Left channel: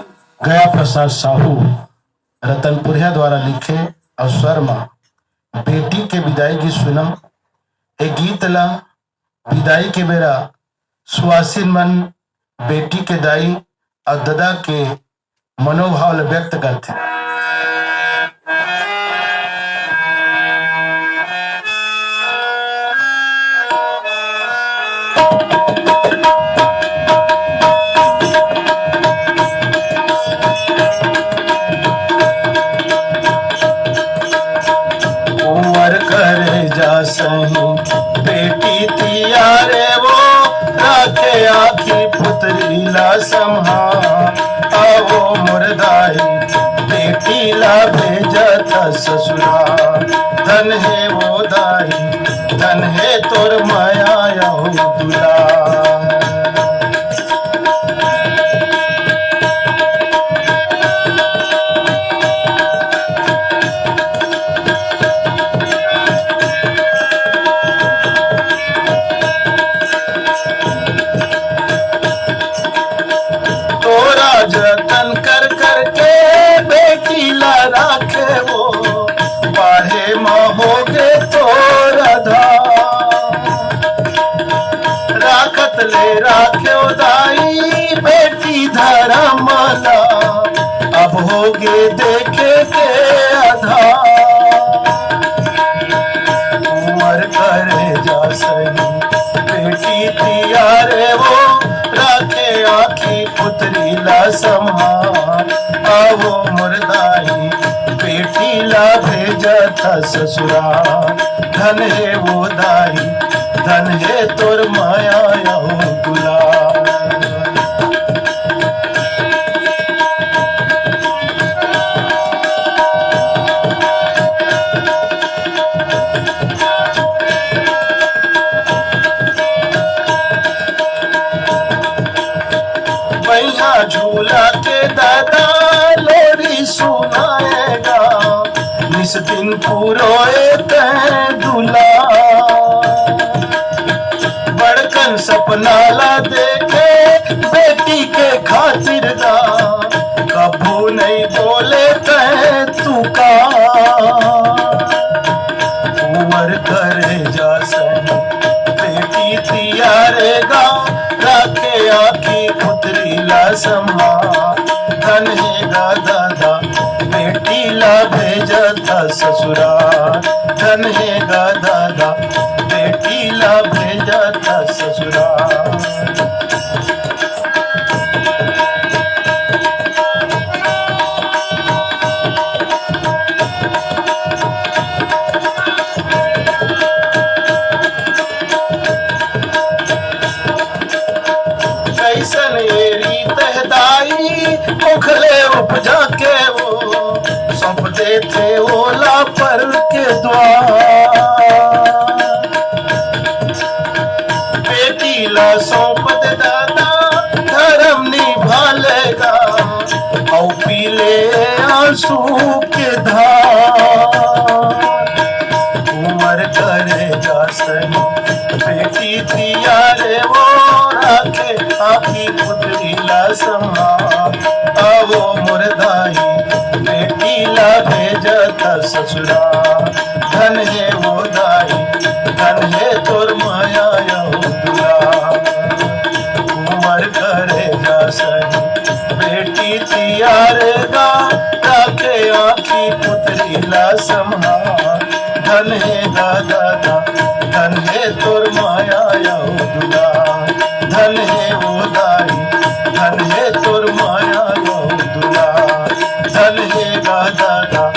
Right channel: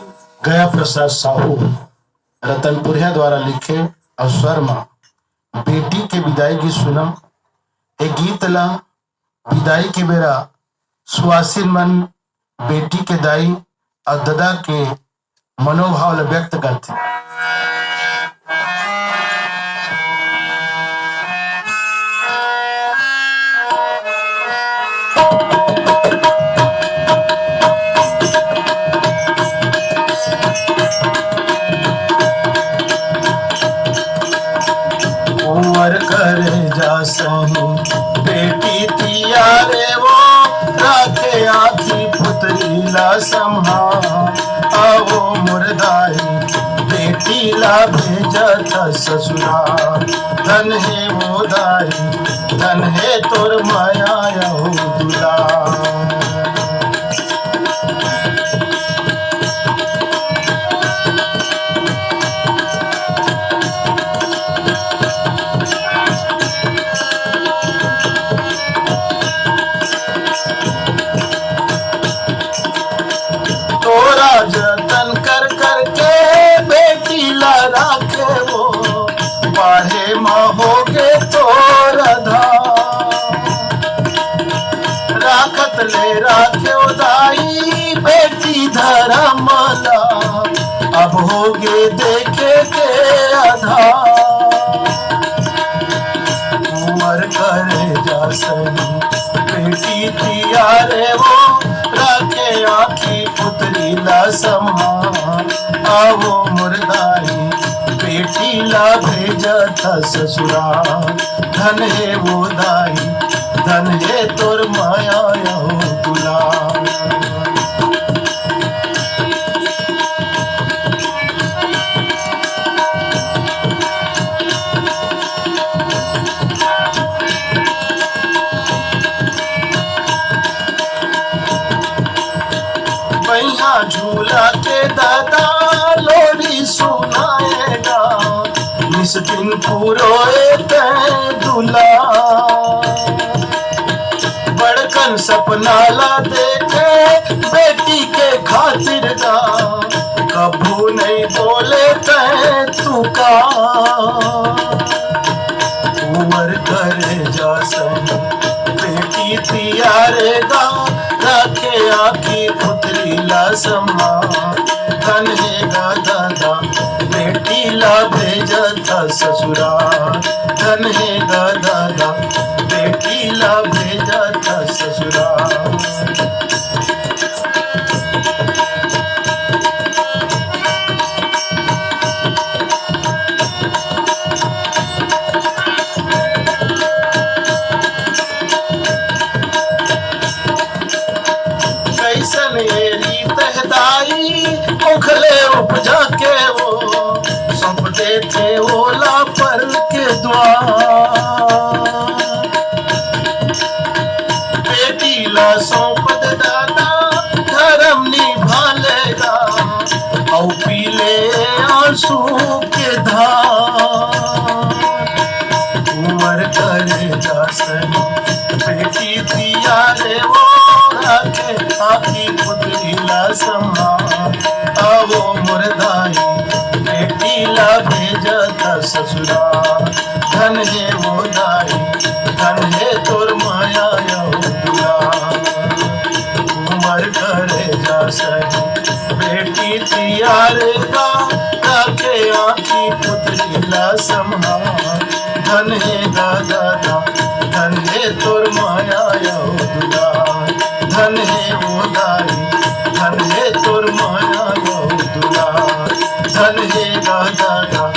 गया प्रसाद साहू रतनपुरिया द्वारा लिखे और स्वर में बेटी के विदाई की सुनम एक गीत ला विदाई के बेरा सुआसीन मन बेटी के दाई और दादा के मनोभाव ला व्यक्त करते हैं। उमर करे जा सही बेटी तियारे वो राखे आखी पुतरी ला संभाल आवो मुर्दाई बेटी ला भेजत ससुराल। धन है वो दाई धन है तोर माया यहू दुलार। तोरा जतन कर करके बेटी ला राखे वो बाहे महोगे तोरा धाम। राखत ले राखे दाई बेटी धर्मला अब होगे देखे के आधार। उमर करे जा सही बेटी तियारे वो राखे आखी पुतरी ला संभाल आवो मुर्दाई बेटी ला भेजत ससुराल। धन है वो दाई धन है तोर माया यहू दुलार। मैया झूला के दादा लोरी सुनाएगा निस दिन पुरोए दूल्हा। बड़कन सपना ला देखे बेटी के खातिर दा कभू नहीं बोले तू का। उमर करे जा सही बेटी तियारेगा राखे आखी पुतरी ला संभाल। धन है दादा बेटी ला भेजत ससुराल। धन है दादा बेटी ला भेजत ससुराल। कैसन एरी तहदाई उखले उपजा के वो सौंप देते ओला पर के द्वार। बेटी ला सौंप दे दादा धर्म निभा लेगा औ पीले आंसू के धार। उमर करे जा सही बेटी तियारे वो राखे आखी पुतरी ला संभाल आवो मुर्दाई बेटी ला भेजत ससुराल। धन है वो दाई धन है तोर माया यहू दुलार। उमर करे जा सही बेटी तियारेगा राखे आखी पुतरी ला संभाल। धन है दादा धन है तोर माया यहू दुलार। धन है वो दाई धन है तोर माया यहू दुलार। धन है दादा